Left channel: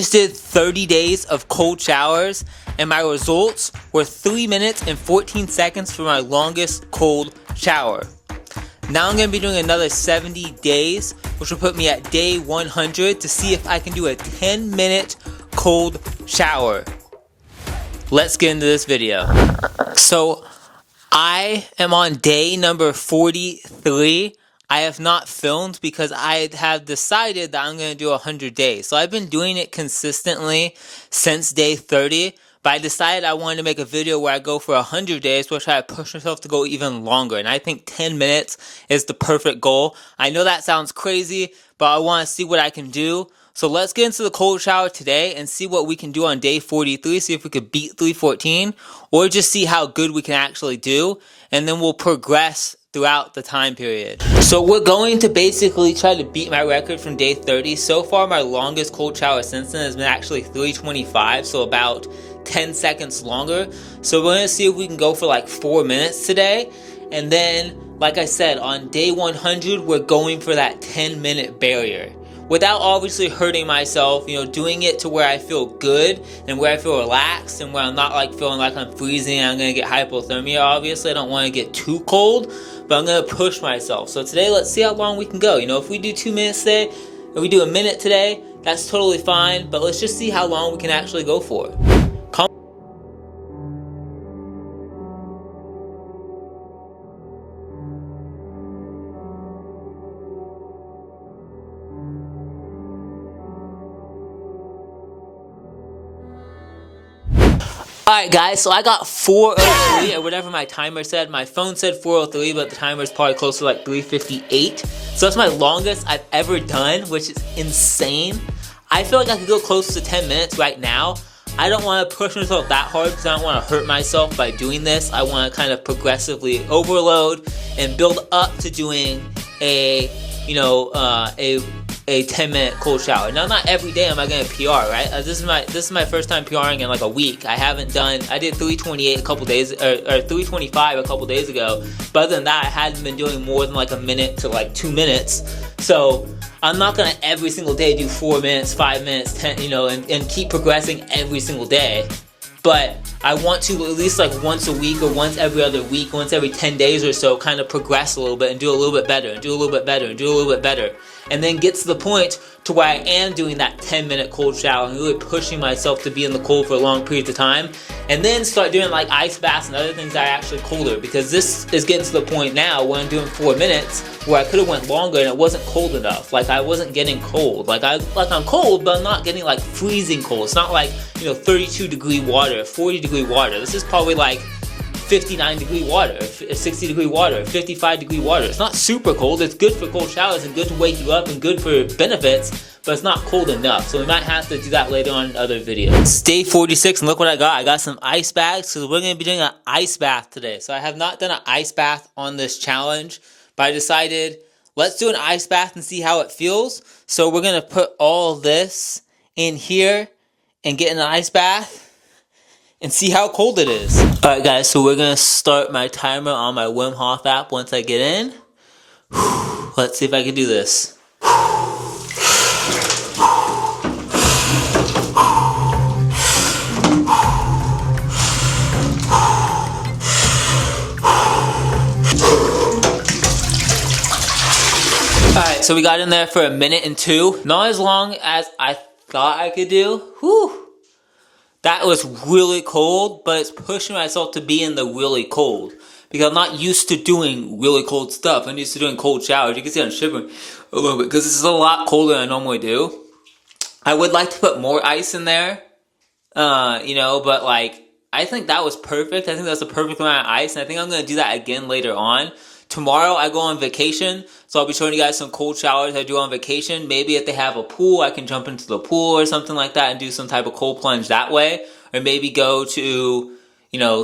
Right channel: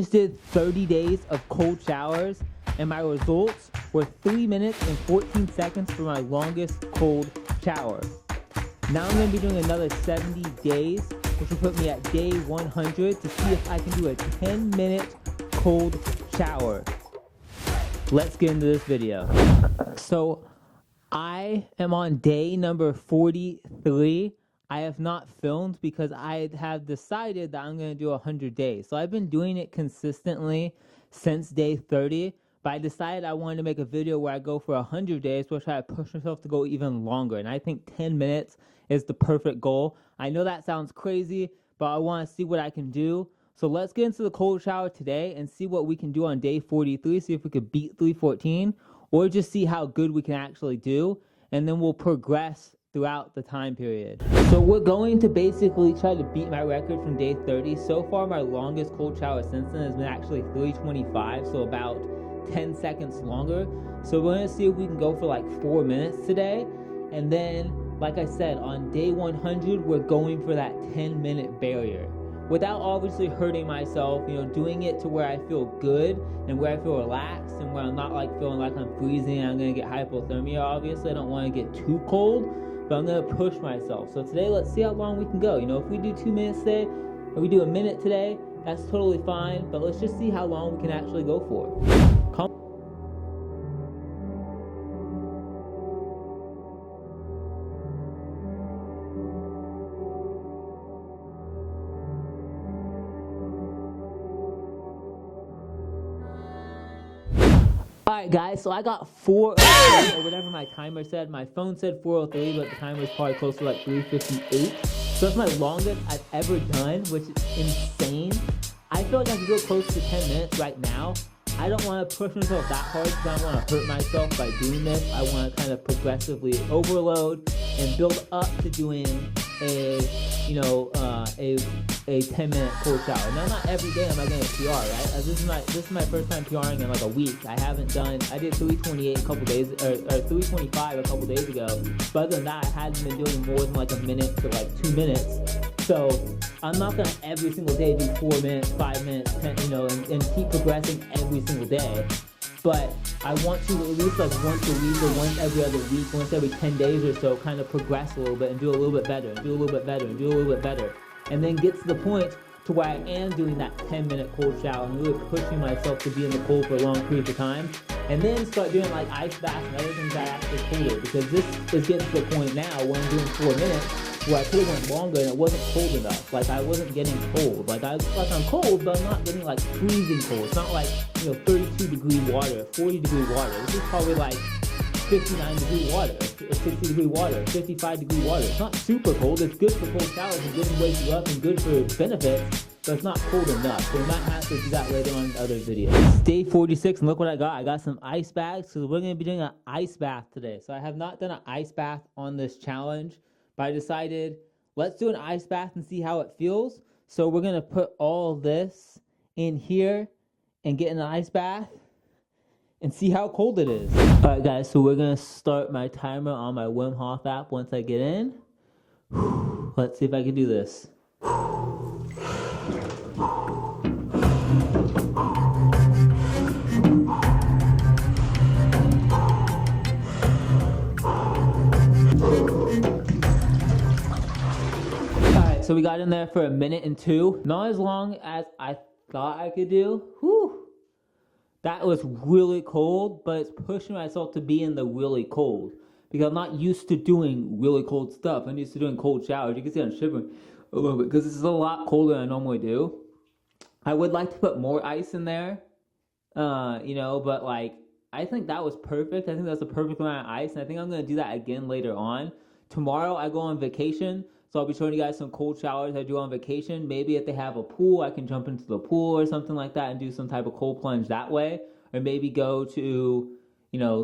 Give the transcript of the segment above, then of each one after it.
Just did 30 days of cold showers, and my results were 3 minutes and 14 seconds for my longest cold shower. Now I'm going to be doing another 70 days, which will put me at day 100 to see if I can do a 10-minute cold shower. Let's get into this video. So I am on day number 43. I have not filmed because I have decided that I'm going to do 100 days. So I've been doing it consistently since day 30. But I decided I wanted to make a video where I go for 100 days, which I push myself to go even longer. And I think 10 minutes is the perfect goal. I know that sounds crazy, but I want to see what I can do. So let's get into the cold shower today and see what we can do on day 43. See if we could beat 314 or just see how good we can actually do. And then we'll progress throughout the time period. So we're going to basically try to beat my record from day 30. So far, my longest cold shower since then has been actually 325, so about 10 seconds longer. So we're gonna see if we can go for like 4 minutes today. And then, like I said, on day 100, we're going for that 10-minute barrier. Without obviously hurting myself, doing it to where I feel good and where I feel relaxed and where I'm not like feeling like I'm freezing and I'm gonna get hypothermia. Obviously, I don't want to get too cold, but I'm gonna push myself. So today, let's see how long we can go. If we do 2 minutes today, if we do a minute today, that's totally fine. But let's just see how long we can actually go for. Alright guys, so I got 403 or whatever my timer said. My phone said 403, but the timer is probably close to like 358. So that's my longest I've ever done, which is insane. I feel like I could go close to 10 minutes right now. I don't want to push myself that hard because I don't want to hurt myself by doing this. I want to kind of progressively overload and build up to doing a 10-minute cold shower. Now, not every day am I gonna PR, right? This is my first time PRing in like a week. I did 328 a couple days, or 325 a couple days ago. But other than that, I hadn't been doing more than like a minute to like 2 minutes. So I'm not gonna every single day do 4 minutes, 5 minutes, 10, and keep progressing every single day. But I want to at least like once a week or once every other week, once every 10 days or so, kind of progress a little bit and do a little bit better and do a little bit better and do a little bit better. And then get to the point to where I am doing that 10-minute cold shower and really pushing myself to be in the cold for a long period of time. And then start doing like ice baths and other things that are actually colder, because this is getting to the point now when I'm doing 4 minutes where I could have went longer and it wasn't cold enough. Like I wasn't getting cold. Like I'm cold, but I'm not getting like freezing cold. It's not like 32 degree water, 40 degree water. This is probably like 59 degree water, 60 degree water, 55 degree water. It's not super cold. It's good for cold showers and good to wake you up and good for benefits, but it's not cold enough. So we might have to do that later on in other videos. It's day 46 and look what I got. I got some ice bags, so we're gonna be doing an ice bath today. So I have not done an ice bath on this challenge, but I decided let's do an ice bath and see how it feels. So we're gonna put all this in here and get in an ice bath and see how cold it is. Alright guys, so we're gonna start my timer on my Wim Hof app once I get in. Let's see if I can do this. Alright, so we got in there for a minute and 2. Not as long as I thought I could do. Whew. That was really cold, but it's pushing myself to be in the really cold. Because I'm not used to doing really cold stuff. I'm used to doing cold showers. You can see I'm shivering a little bit because this is a lot colder than I normally do. I would like to put more ice in there, but like, I think that was perfect. I think that's the perfect amount of ice, and I think I'm going to do that again later on. Tomorrow I go on vacation, so I'll be showing you guys some cold showers I do on vacation. Maybe if they have a pool, I can jump into the pool or something like that and do some type of cold plunge that way. Or maybe go to,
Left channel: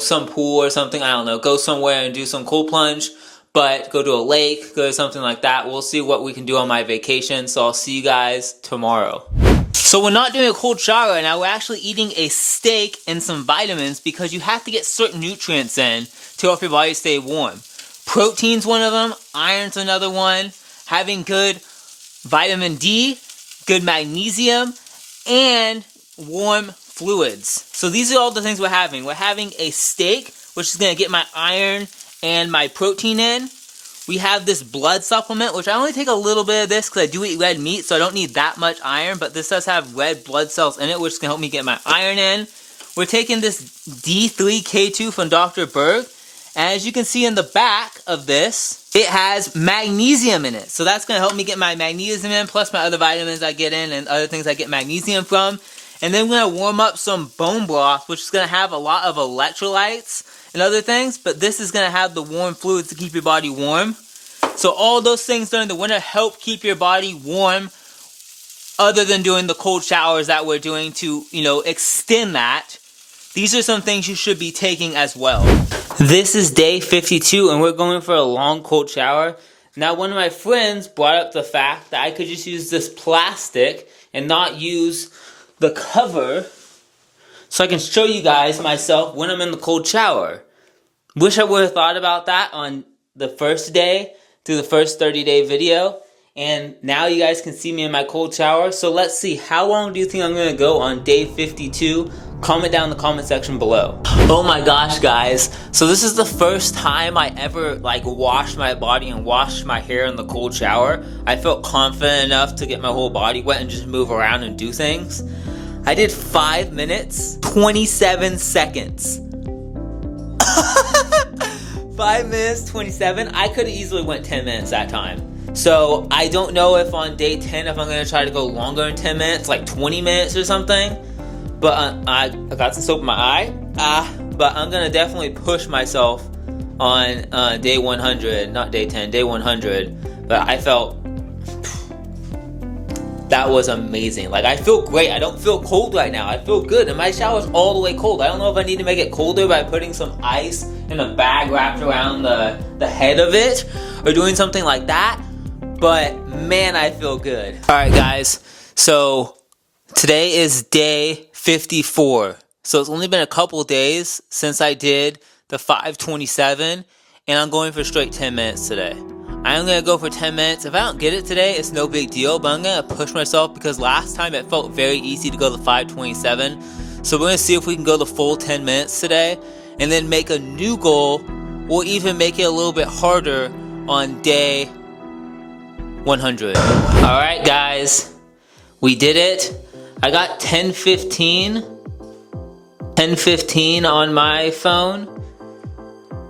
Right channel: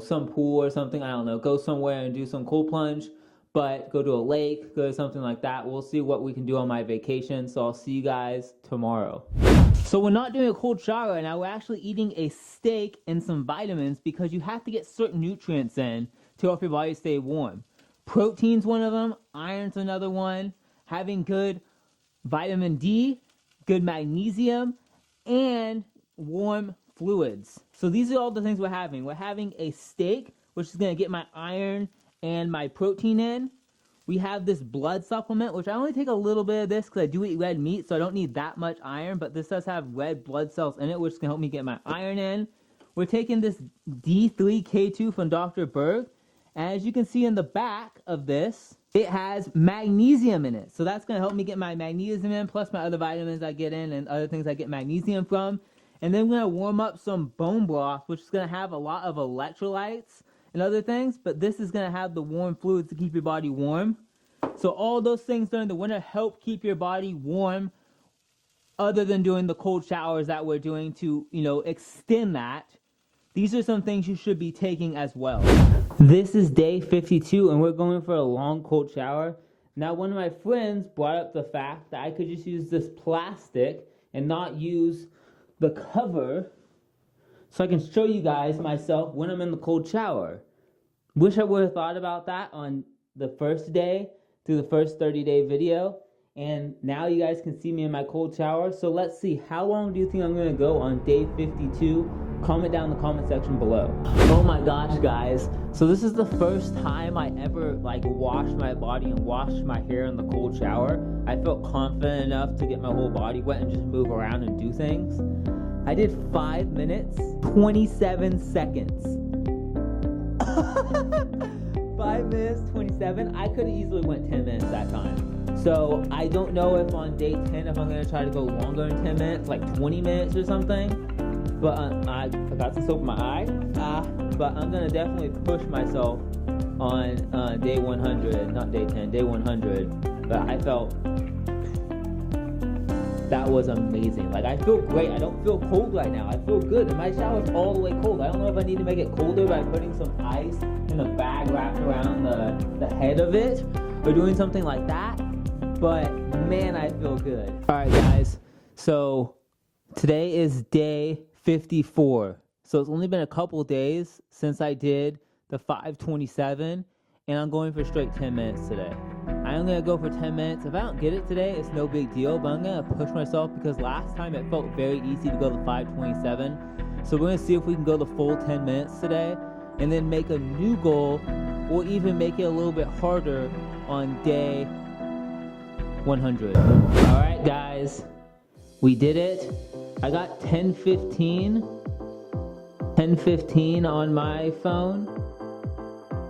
some pool or something, I don't know, go somewhere and do some cold plunge. But go to a lake, go to something like that. We'll see what we can do on my vacation, so I'll see you guys tomorrow. So we're not doing a cold shower right now, we're actually eating a steak and some vitamins because you have to get certain nutrients in to help your body stay warm. Protein's one of them, iron's another one, having good vitamin D, good magnesium, and warm fluids. So these are all the things we're having. We're having a steak, which is going to get my iron and my protein in. We have this blood supplement, which I only take a little bit of this because I do eat red meat, so I don't need that much iron, but this does have red blood cells in it, which can help me get my iron in. We're taking this D3K2 from Dr. Berg, and as you can see in the back of this, it has magnesium in it. So that's going to help me get my magnesium in, plus my other vitamins I get in and other things I get magnesium from. And then we're going to warm up some bone broth, which is going to have a lot of electrolytes and other things, but this is going to have the warm fluids to keep your body warm. So all those things during the winter help keep your body warm, other than doing the cold showers that we're doing to, extend that. These are some things you should be taking as well. This is day 52 and we're going for a long cold shower. Now, one of my friends brought up the fact that I could just use this plastic and not use the cover, so I can show you guys myself when I'm in the cold shower. Wish I would have thought about that on the first day through the first 30-day video. And now you guys can see me in my cold shower. So let's see, how long do you think I'm going to go on day 52? Comment down in the comment section below. Oh my gosh, guys. So this is the first time I ever washed my body and washed my hair in the cold shower. I felt confident enough to get my whole body wet and just move around and do things. I did 5 minutes, 27 seconds. 5 minutes, 27. I could have easily went 10 minutes that time. So I don't know if on day 10, if I'm going to try to go longer than 10 minutes, like 20 minutes or something. But I got some soap in my eye. But I'm going to definitely push myself on day 100, not day 10, day 100. But I felt that was amazing. I feel great. I don't feel cold right now. I feel good. And my shower's all the way cold. I don't know if I need to make it colder by putting some ice in a bag wrapped around the head of it or doing something like that. But man, I feel good. All right, guys. So today is day 54. So it's only been a couple days since I did the 527, and I'm going for straight 10 minutes today. I'm going to go for 10 minutes. If I don't get it today, it's no big deal, but I'm going to push myself because last time it felt very easy to go to 527. So we're going to see if we can go the full 10 minutes today and then make a new goal or even make it a little bit harder on day 100. All right, guys, we did it. I got 10:15 on my phone.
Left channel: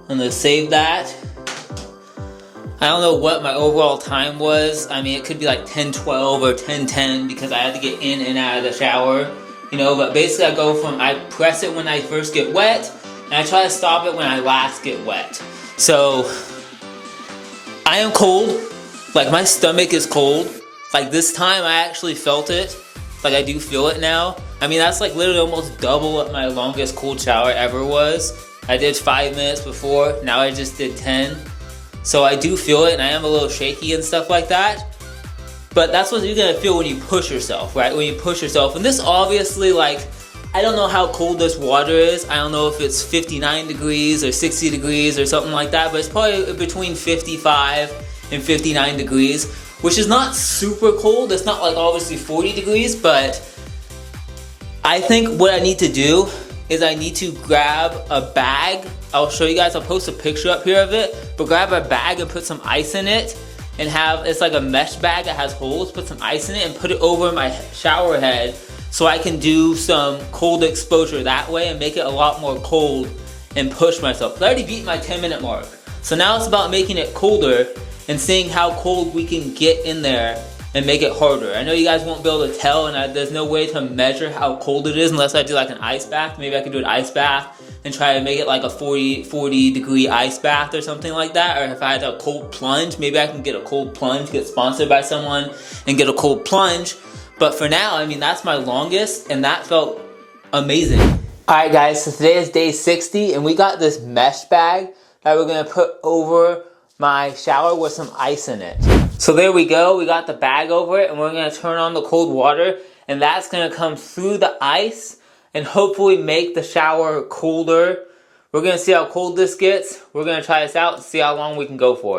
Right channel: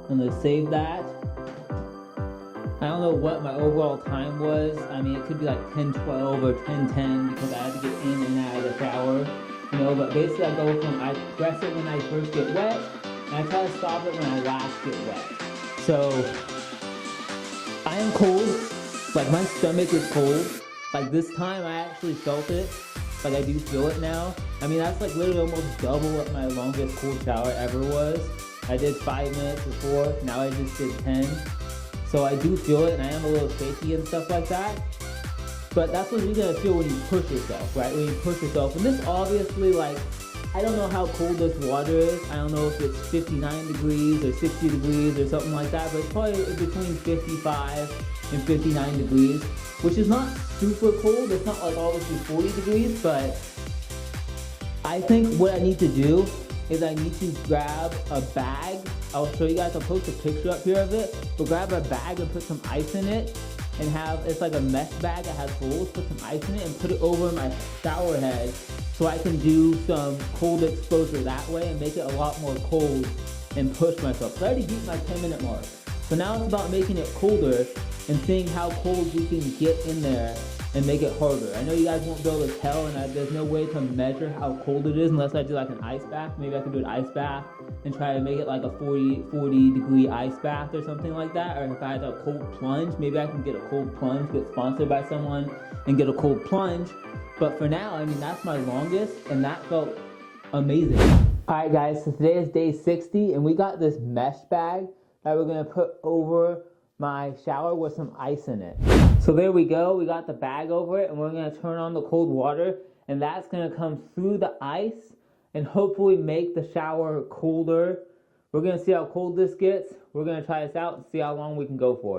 I'm going to save that. I don't know what my overall time was. I mean, it could be like 10:12 or 10:10 because I had to get in and out of the shower, but basically I press it when I first get wet and I try to stop it when I last get wet. So I am cold. My stomach is cold. This time I actually felt it. I do feel it now. I mean, that's literally almost double what my longest cold shower ever was. I did 5 minutes before, now I just did 10. So I do feel it and I am a little shaky and stuff like that. But that's what you're gonna feel when you push yourself, right? When you push yourself. And this obviously, I don't know how cold this water is. I don't know if it's 59 degrees or 60 degrees or something like that, but it's probably between 55 and 59 degrees, which is not super cold. It's not obviously 40 degrees, but I think what I need to do is I need to grab a bag. I'll show you guys, I'll post a picture up here of it, but grab a bag and put some ice in it and it's like a mesh bag that has holes, put some ice in it and put it over my shower head so I can do some cold exposure that way and make it a lot more cold and push myself. I already beat my 10-minute mark. So now it's about making it colder and seeing how cold we can get in there and make it harder. I know you guys won't be able to tell, and there's no way to measure how cold it is unless I do an ice bath. Maybe I could do an ice bath and try to make it a 40 degree ice bath or something like that. Or if I had a cold plunge, maybe I can get a cold plunge, get sponsored by someone and get a cold plunge. But for now, I mean, that's my longest and that felt amazing. All right, guys, so today is day 60 and we got this mesh bag that we're gonna put over my shower with some ice in it. So there we go, we got the bag over it and we're gonna turn on the cold water and that's gonna come through the ice and hopefully make the shower colder. We're gonna see how cold this gets. We're gonna try this out and see how long we can go for.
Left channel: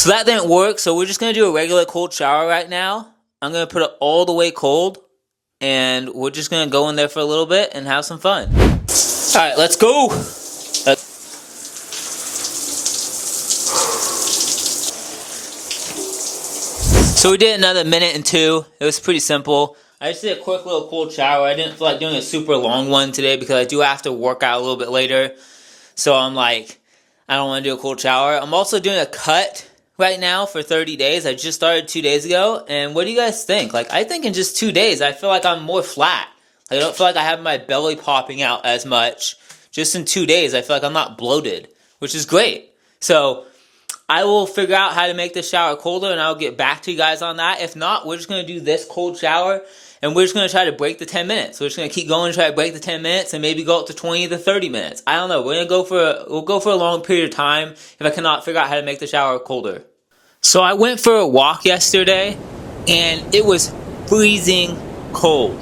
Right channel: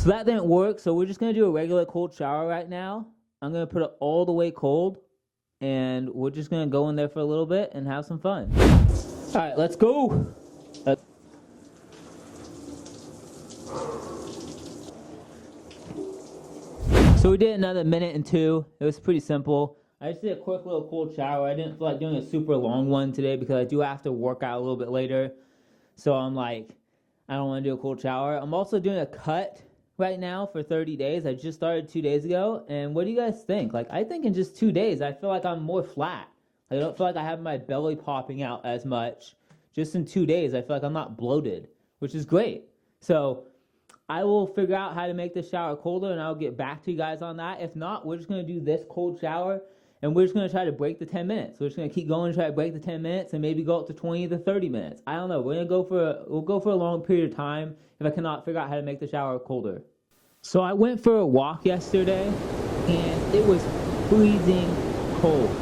So that didn't work, so we're just gonna do a regular cold shower right now. I'm gonna put it all the way cold, and we're just gonna go in there for a little bit and have some fun. All right, let's go. So we did another minute and 2. It was pretty simple. I just did a quick little cold shower. I didn't feel like doing a super long one today because I do have to work out a little bit later. So I'm like, I don't want to do a cold shower. I'm also doing a cut right now for 30 days. I just started 2 days ago. And what do you guys think? Like, I think in just 2 days, I feel like I'm more flat. I don't feel like I have my belly popping out as much. Just in 2 days, I feel like I'm not bloated, which is great. So I will figure out how to make the shower colder, and I'll get back to you guys on that. If not, we're just going to do this cold shower, and we're just going to try to break the 10 minutes. We're just going to keep going and try to break the 10 minutes and maybe go up to 20 to 30 minutes. I don't know. We'll go for a long period of time if I cannot figure out how to make the shower colder. So I went for a walk yesterday, and it was freezing cold.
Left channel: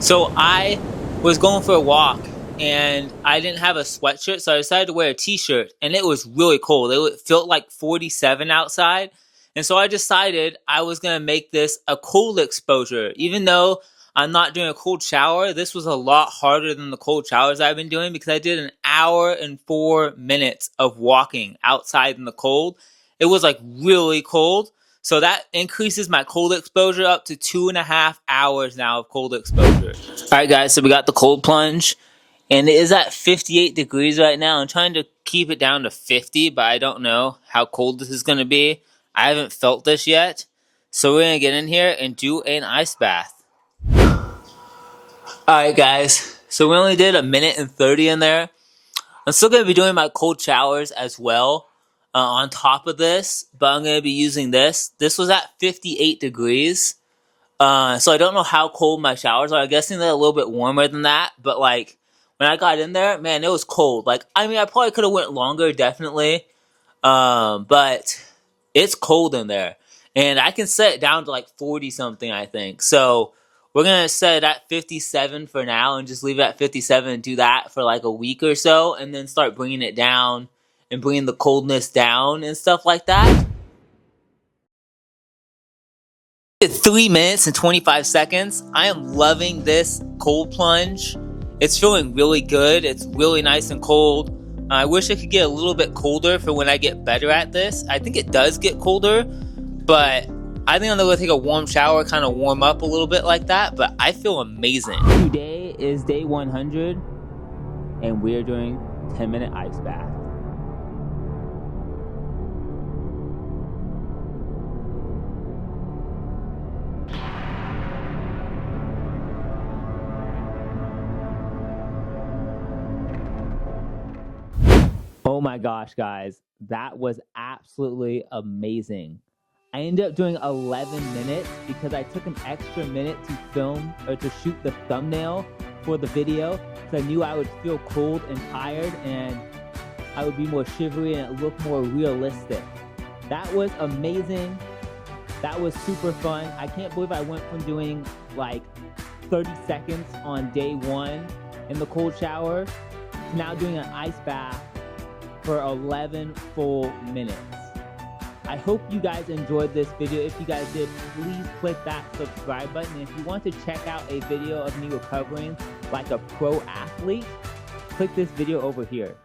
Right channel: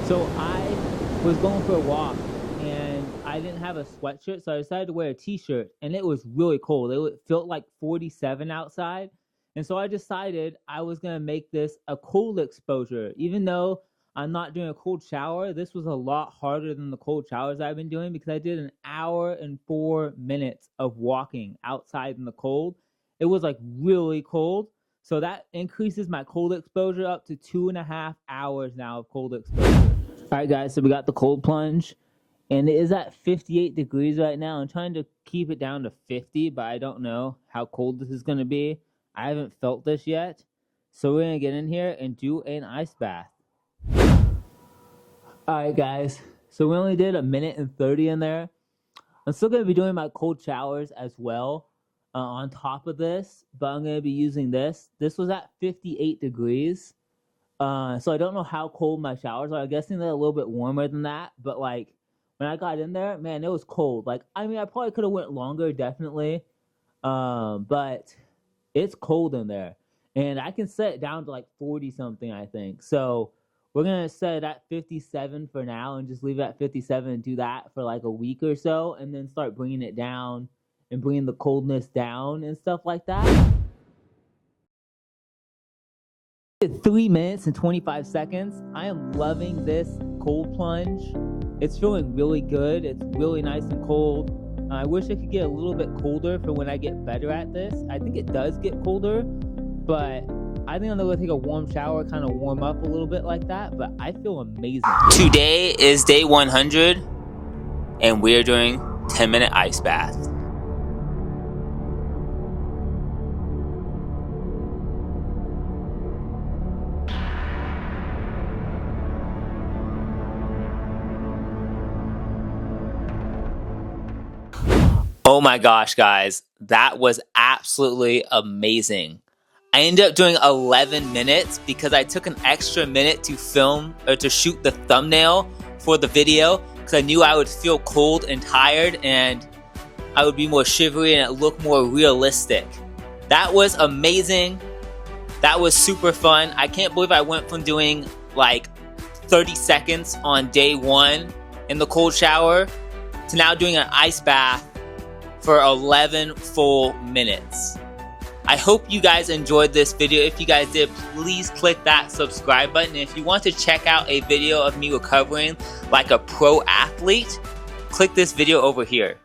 So I was going for a walk, and I didn't have a sweatshirt, so I decided to wear a t-shirt, and it was really cold. It felt like 47 outside, and so I decided I was going to make this a cold exposure. Even though I'm not doing a cold shower, this was a lot harder than the cold showers I've been doing because I did an hour and 4 minutes of walking outside in the cold. It was like really cold, so that increases my cold exposure up to 2.5 hours now of cold exposure. All right, guys, so we got the cold plunge. And it is at 58 degrees right now. I'm trying to keep it down to 50, but I don't know how cold this is going to be. I haven't felt this yet. So we're going to get in here and do an ice bath. Alright guys, so we only did 1 minute and 30 in there. I'm still going to be doing my cold showers as well on top of this, but I'm going to be using this. This was at 58 degrees. So I don't know how cold my showers are. I'm guessing they're a little bit warmer than that, but like, when I got in there, man, it was cold. Like, I mean, I probably could have went longer, definitely. But it's cold in there. And I can set it down to like 40-something, I think. So we're going to set it at 57 for now and just leave it at 57 and do that for like a week or so. And then start bringing it down and bringing the coldness down and stuff like that. 3 minutes and 25 seconds. I am loving this cold plunge. It's feeling really good. It's really nice and cold. I wish it could get a little bit colder for when I get better at this. I think it does get colder, but I think I'm going to take a warm shower, kind of warm up a little bit like that, but I feel amazing. Today is day 100, and we're doing 10-minute ice bath. Oh my gosh, guys, that was absolutely amazing. I ended up doing 11 minutes because I took an extra minute to film or to shoot the thumbnail for the video because I knew I would feel cold and tired and I would be more shivery and it looked more realistic. That was amazing. That was super fun. I can't believe I went from doing like 30 seconds on day 1 in the cold shower to now doing an ice bath for 11 full minutes. I hope you guys enjoyed this video. If you guys did, please click that subscribe button. If you want to check out a video of me recovering like a pro athlete, click this video over here.